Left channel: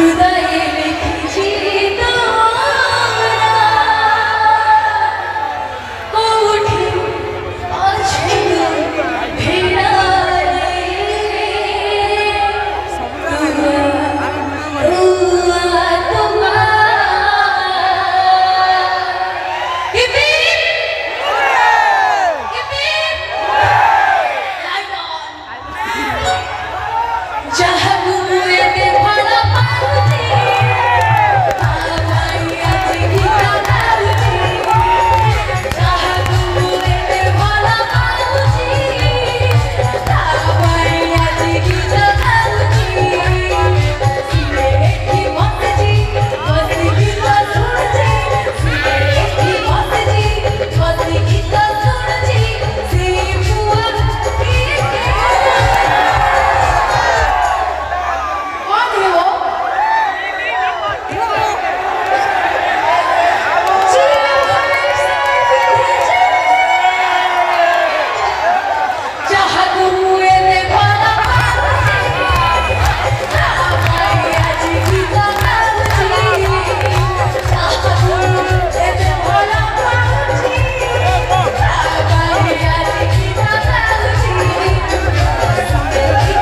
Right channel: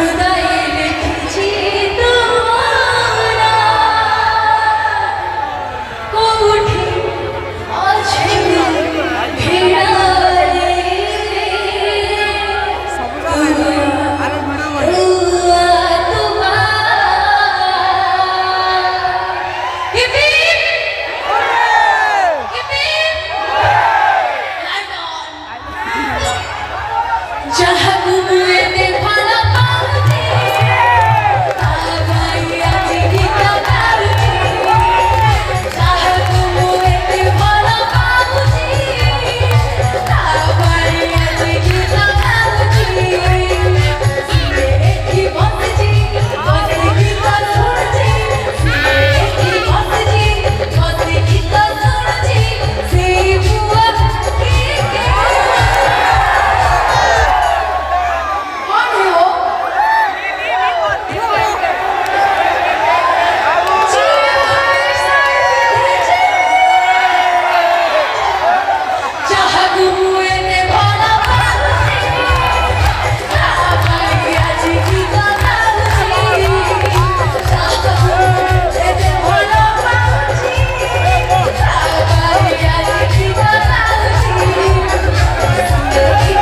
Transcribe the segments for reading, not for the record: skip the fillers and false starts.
हृदये लिखिছি তোরা কোঠি আছে ভিড়ালে जहाँ घूमे ते भला पाउजी आमाया जीविका गाउजी जहाँ घूमे ते भला पाउजी आमाया जीविका गाउजी की बसजी बसी गीता सुनजी की बसजी बसी गीता सुनजी से बुआ कौन है वो? जहाँ घूमे ते भला पाउजी आमाया जीविका गाउजी जहाँ घूमे ते भला पाउजी आमाया जीविका गाउजी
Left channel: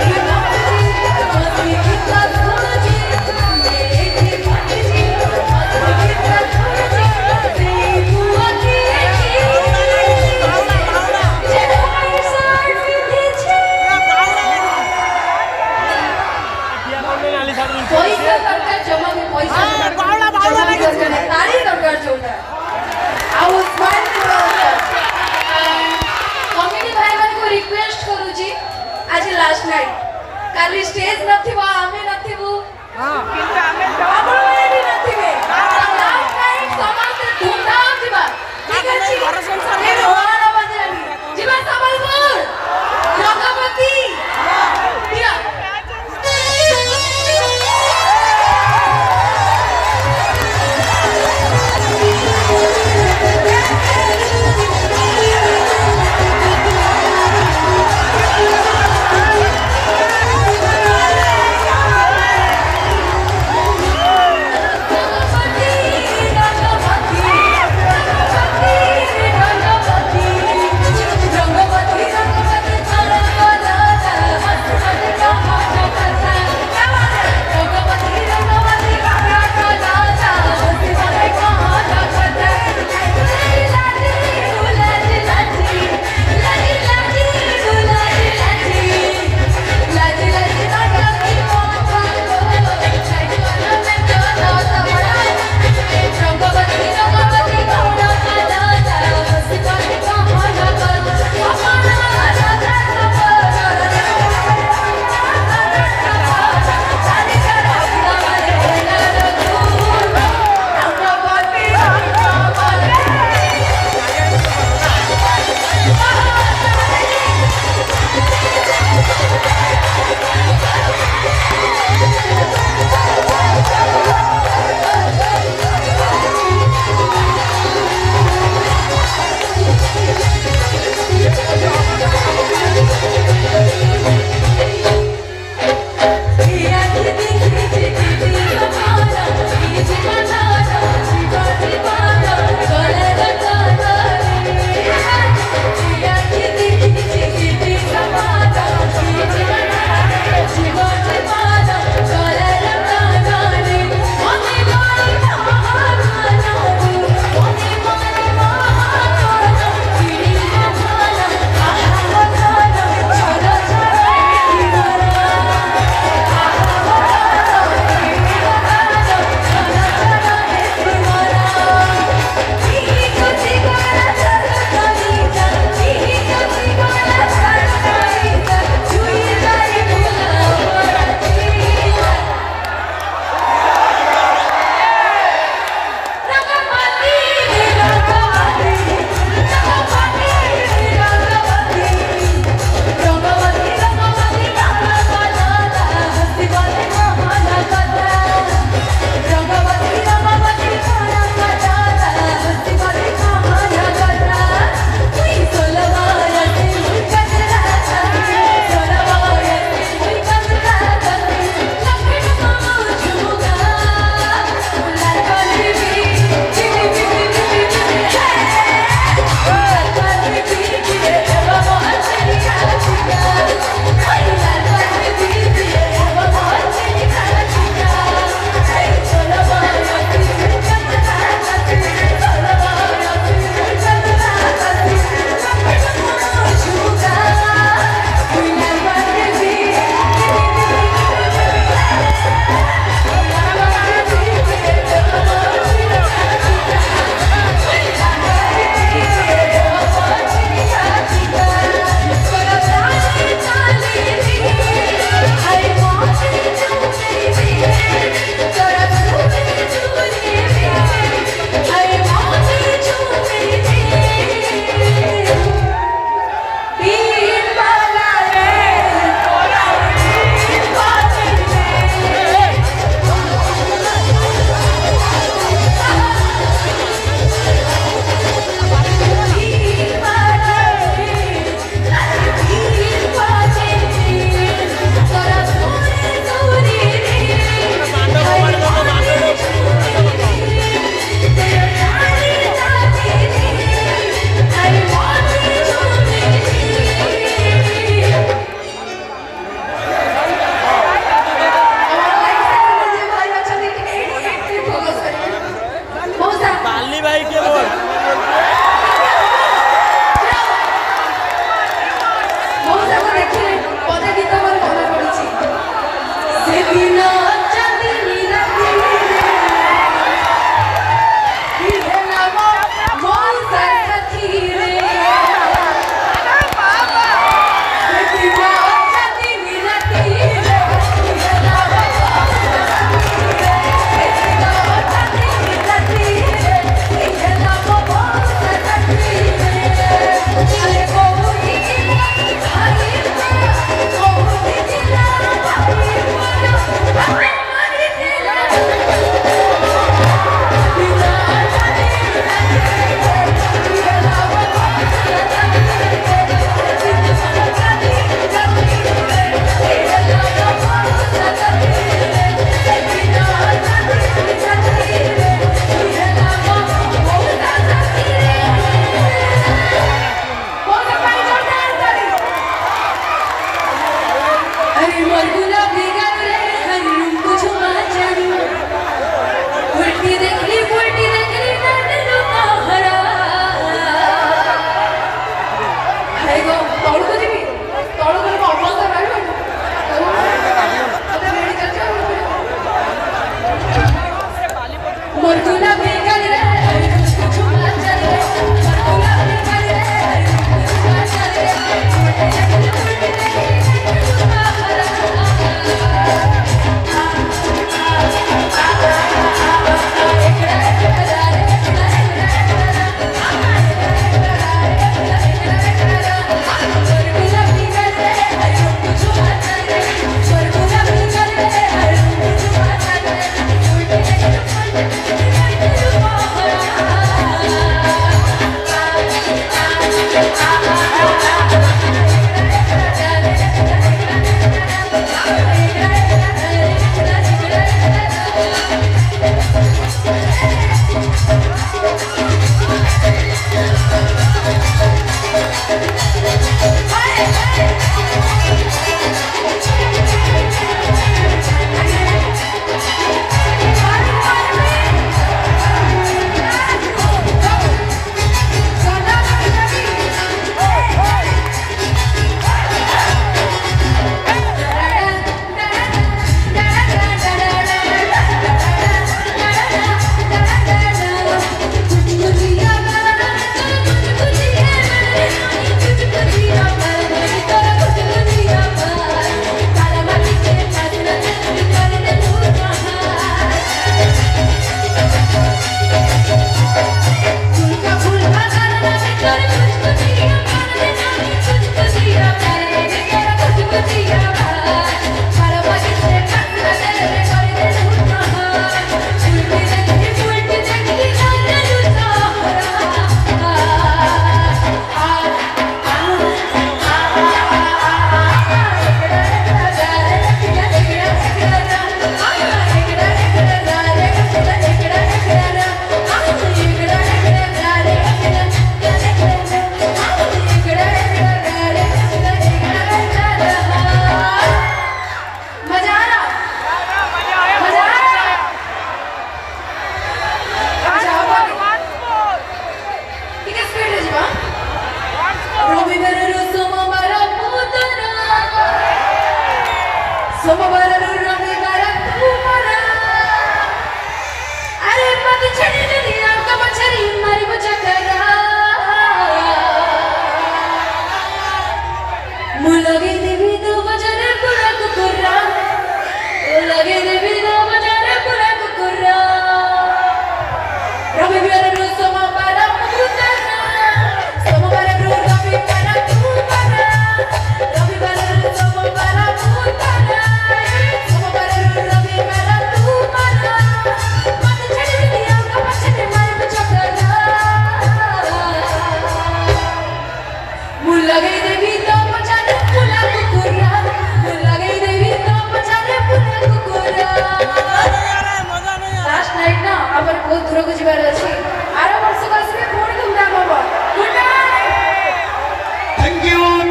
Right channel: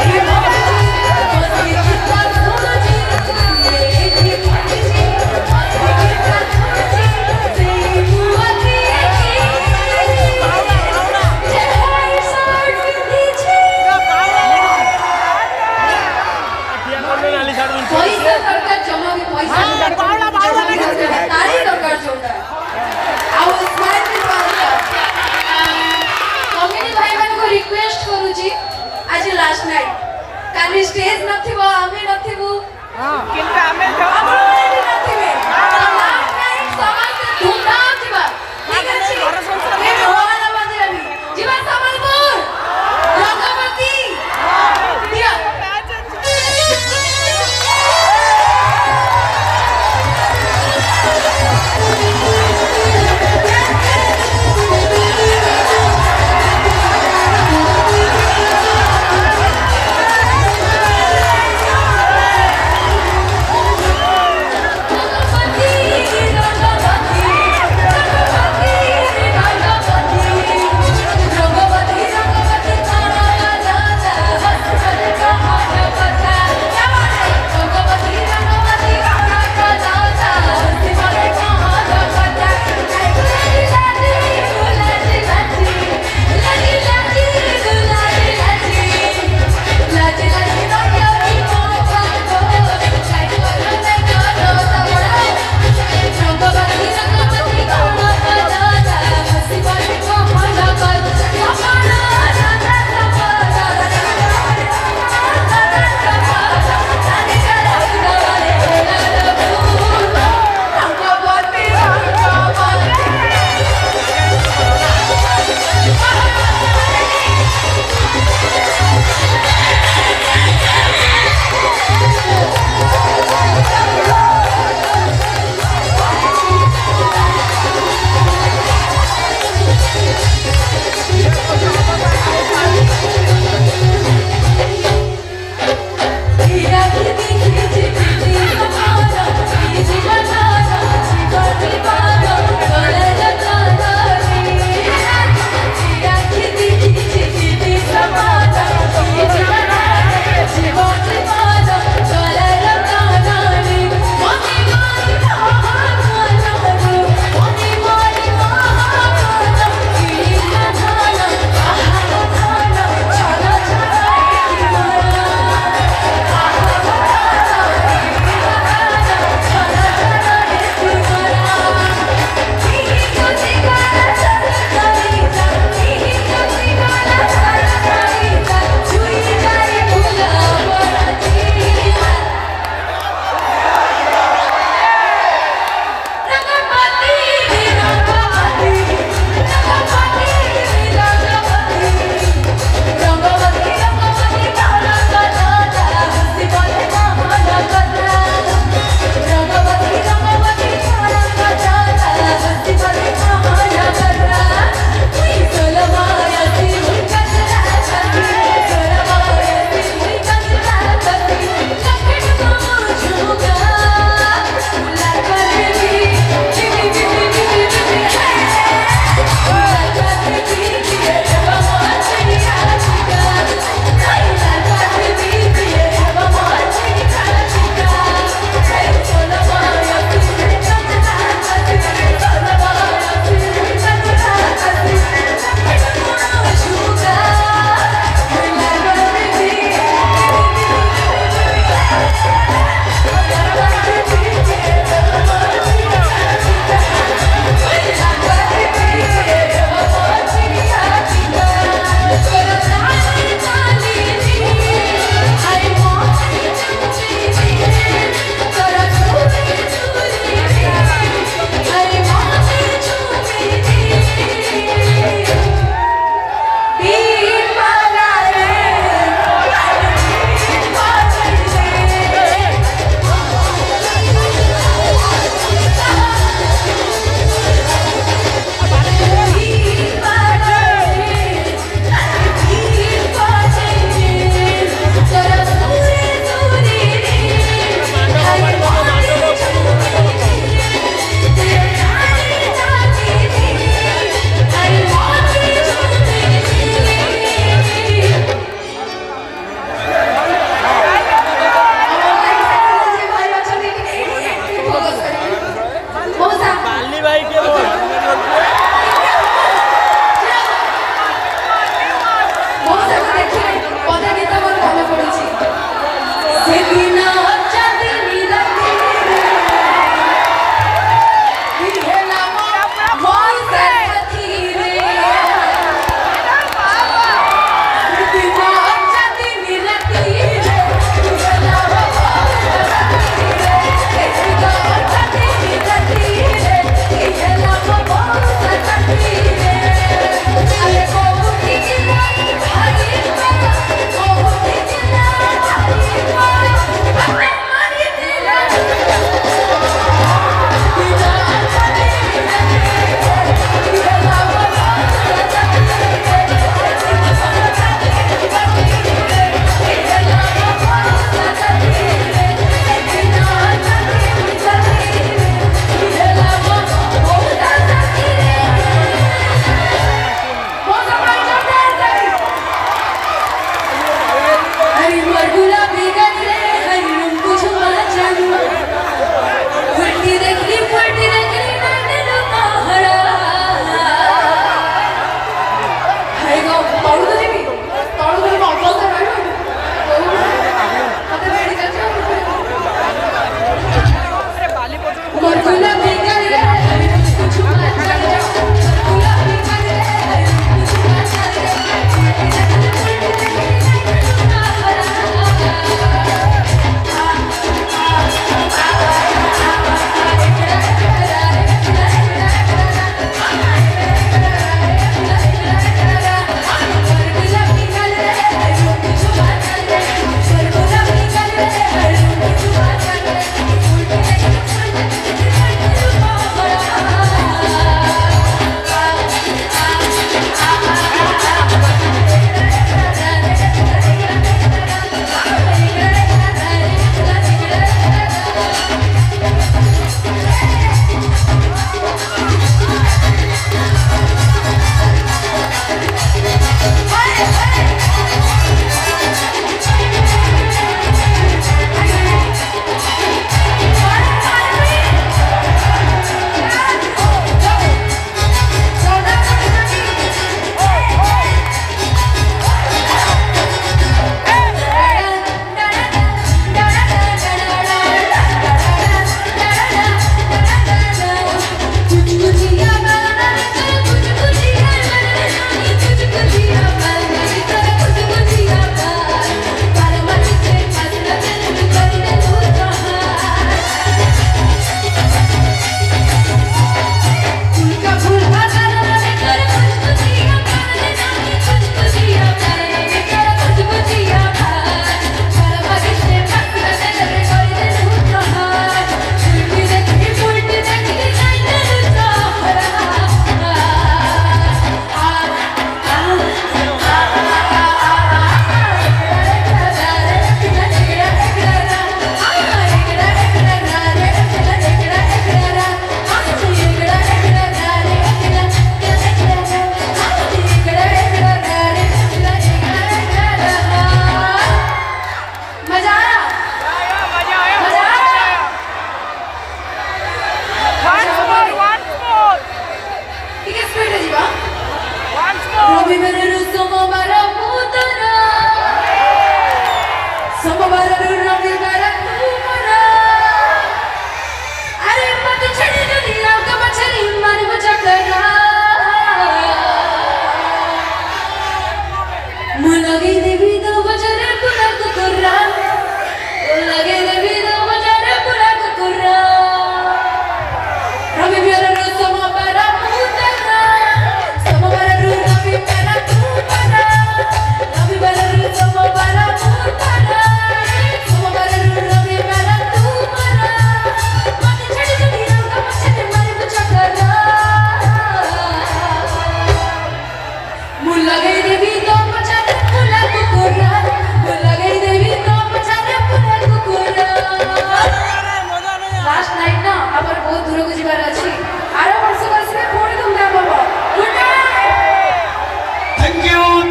की बसजी बसी गीता सुनजी की बसजी बसी गीता सुनजी से बुआ की पैसा दरकार जमा भी पैसा तारी दरकार जोटा ଆଉ ସ୍ମାଇଲ୍ ବି କମିଟି ଭାଇମାନଙ୍କୁ ରିକ୍ୱେଷ୍ଟ କରୁଛି ଆଜି ଲାଷ୍ଟ ନାଇଟ୍ କାଲି ଷ୍ଟେଜ୍ ନଥିବ ଆମେ ନଥିବୁ ଆପଣମାନେ ବି ନଥିବେ ଲାଷ୍ଟ ନାଇଟ୍ ସମସ୍ତେ ଧୁମଧାମ ଯିବା ଠିକ୍ ଅଛି ଏ ରୋହାନା ବନ୍ଦିଆନି ଯିବା ସମ୍ବଲପୁର ରଙ୍ଗପତି ଦିଅ रंगपति Hari margula bigale, hari rumbu chuma chalu. Purti dekhi nandanu kahara. Hai go, talu to jibi. Talu to ma opal to railu. Ate ready chal jao. Margula bigale, hari rumbu chuma chalu. Margula bigale, hari rumbu chuma chalu.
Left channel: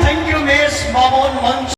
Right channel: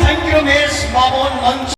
Thank you, Miss Mamon Manch.